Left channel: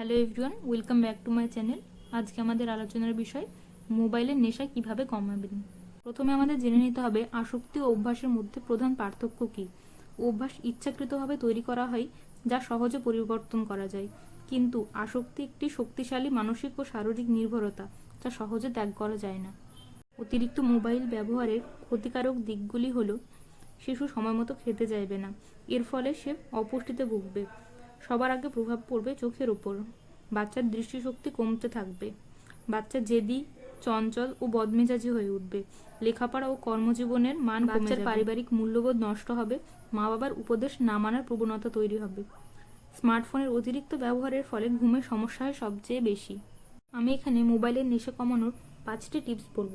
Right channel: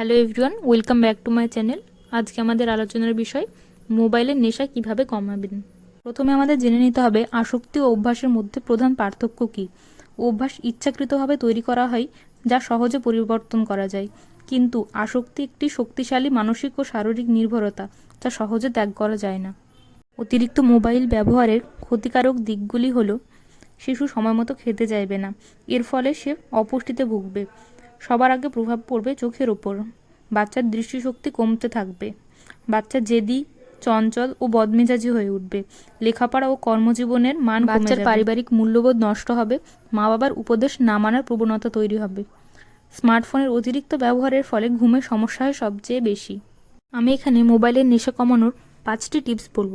Hello everyone, welcome back to my channel. আজকে আমাদের আলোচনার বিষয়, মোবাইলের নেশা কীভাবে কমাবেন প্রথমে আমাদের জেনে নিতে হবে আসক্তি ও অভ্যাসের মধ্যে প্রধান পার্থক্য কী। অভ্যাস ইচ্ছাকৃতভাবে তৈরি করা হয় যা সহজে পরিবর্তন করা যায়। কিন্তু আসক্তি একটি শক্তিশালী মানসিক ও শারীরিক নির্ভরতা যা সহজে ত্যাগ করা যায় না। অতিরিক্ত মোবাইল ব্যবহারের ক্ষতিকারক দিকগুলি হলো, শিশু সময়মতো খেতে চাইবে না। এর ফলে সে অপুষ্টিতে ভুগবে। সবার আগে প্রভাব পড়বে চোখের ওপর। বাচ্চার দৃষ্টিশক্তি কমতে থাকবে। বাচ্চা জেদি চঞ্চল ও বদমেজাজি হয়ে উঠবে। লেখাপড়া ও কর্মজীবনের মান বাচ্চার পারিবারিক মূল্যবোধ নষ্ট হবে। মা বাবার উপদেশ না মানার প্রবণতা তৈরি হবে। স্মার্টফোনের অতিরিক্ত ব্যবহারের ফলে ঘুমের সমস্যা হয় সবচেয়ে বেশি। আমি এখানে মোবাইলের নেশা কমানোর পাঁচটি টিপস বলব।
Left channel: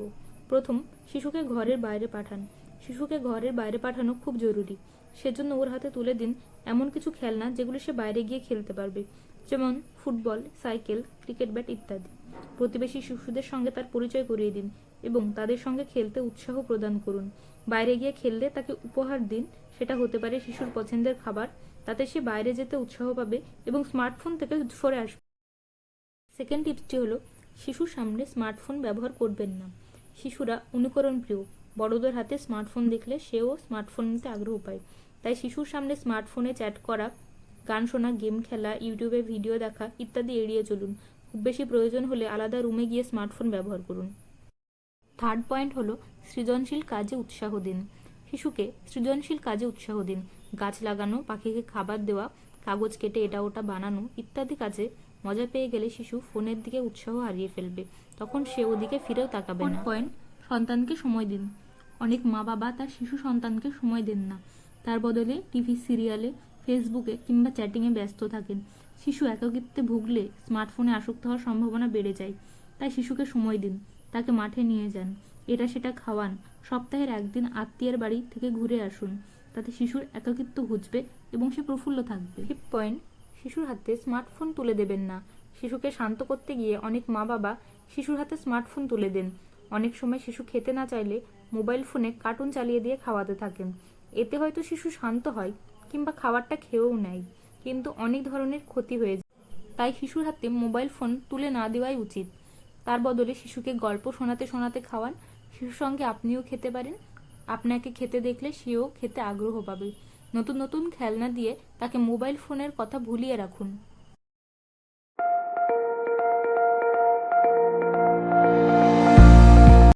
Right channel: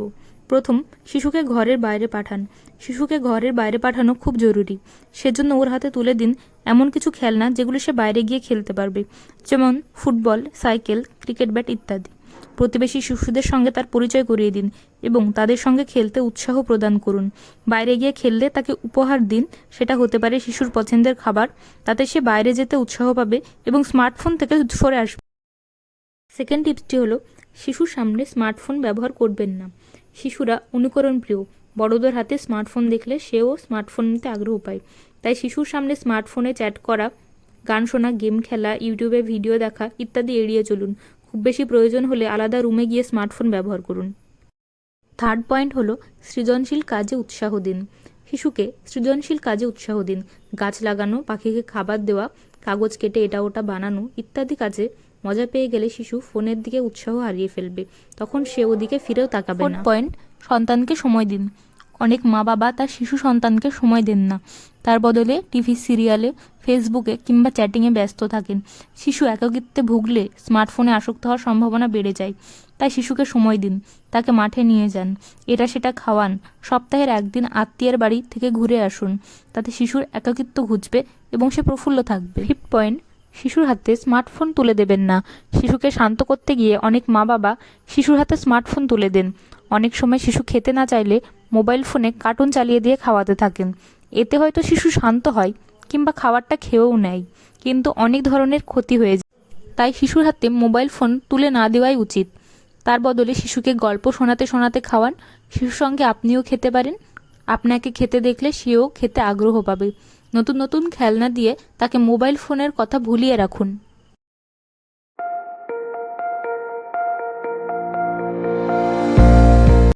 প্রথম শিশুকে ঘরের বাইরে পাঠান। শিশুকে ঘরের বাইরে পাঠানো খুব জরুরি। সেজন্য ওর হাতে তুলে দিন এমন কিছু খেলনা যেগুলো সে বাইরে গিয়ে খেলতে পারবে, যেমন ফুটবল, সাইকেল, ক্রিকেট ব্যাট ইত্যাদি। প্রতিবেশী শিশুদের সঙ্গে তার পরিচয় করিয়ে দিন এবং তাদের সঙ্গে খেলতে উৎসাহ প্রদান করুন। বাইরে গিয়ে খেললে তাকে উপহার দিন, সেটা হতে পারে শিশুর পছন্দের খাবার, তাতে সে বাইরে যেতে উৎসাহ পাবে এবং স্মার্টফোন থেকে সরে আসবে। সেকেন্ড টিপসটি হলো, শিশুর সামনে স্মার্টফোন ব্যবহার করবেন না। শিশুরা অনুকরণ প্রিয়। বড়দের হাতে স্মার্টফোন দেখলে সেও স্মার্টফোন নিতে আগ্রহ পায়। তাই শিশুর সামনে স্মার্টফোনে চ্যাট করা, গান শোনা, গেম খেলা, ইউটিউবে ভিডিও দেখা ইত্যাদি এড়িয়ে চলুন। খুব বেশি প্রয়োজন হলে আলাদা রুমে গিয়ে স্মার্টফোন ব্যবহার করুন। থার্ড পয়েন্ট হলো সৃজনশীল কাজে উৎসাহ দিন। শিশুকে সৃজনশীল কাজে উৎসাহ দিন। গাছ লাগানো, পাখিকে খাবার দেওয়া, কাগজ কেটে এটা ওটা বানানো ইত্যাদি কাজে মজা পেয়ে গেলে শিশু ফোনের দিকে উৎসাহ হারিয়ে ফেলবে। তখন সে ওদিকে ফিরেও তাকাবে না। পয়েন্ট সন্তানকে সময় দিন। অনেক মা বাবা তার শিশু সন্তানকে সময় দেন না। তার বদলে টিভি সিরিয়ালে ফেসবুকে কিংবা চ্যাটিংয়ে ব্যস্ত থাকেন। শিশু একাকিত্বে ভুগলে স্মার্টফোনে আসক্ত হওয়ার সম্ভাবনা বেড়ে যায়। তাই শিশুকে সময় দিন তাকে মাঠে নিয়ে যান। এটা সেটা খাওয়ান। সপ্তাহের একদিন আত্মীয়ের বাড়ি থেকে ঘুরে আসুন। তাতে শিশুর একাকিত্ব ঘুচবে এবং সে প্রফুল্ল থাকবে। ফিফথ পয়েন্ট শিশুর হাতে স্মার্টফোন তুলে দেবেন না। শিশুকে শান্ত করতে গিয়ে অনেক মা বাবা শিশুর হাতে স্মার্টফোন তুলে দেন। অনেক সময় শিশু খেতে না চাইলে মোবাইল ফোনে কার্টুন চালিয়ে দিয়ে খাওয়াতে থাকেন। এতে হয়তো শিশু শান্ত হয় কিংবা খাবারটা খেয়েও নেয়। কিন্তু অনেক ধরনের ক্ষতি হয়ে যায়। তাই শিশুর হাতে মোবাইল ফোন তুলে না দেওয়াই উচিত। তার বদলে শিশুকে গল্প শোনাতে শোনাতে খাওয়ান। শিশুর সঙ্গে আপনিও খেতে পারেন। আপনাকে খেতে দেখলে সেও খেতে আগ্রহ পাবে। নতুন নতুন খেলনা দিয়ে তাকে মোবাইল ফোনের কথা ভুলিয়ে রাখুন।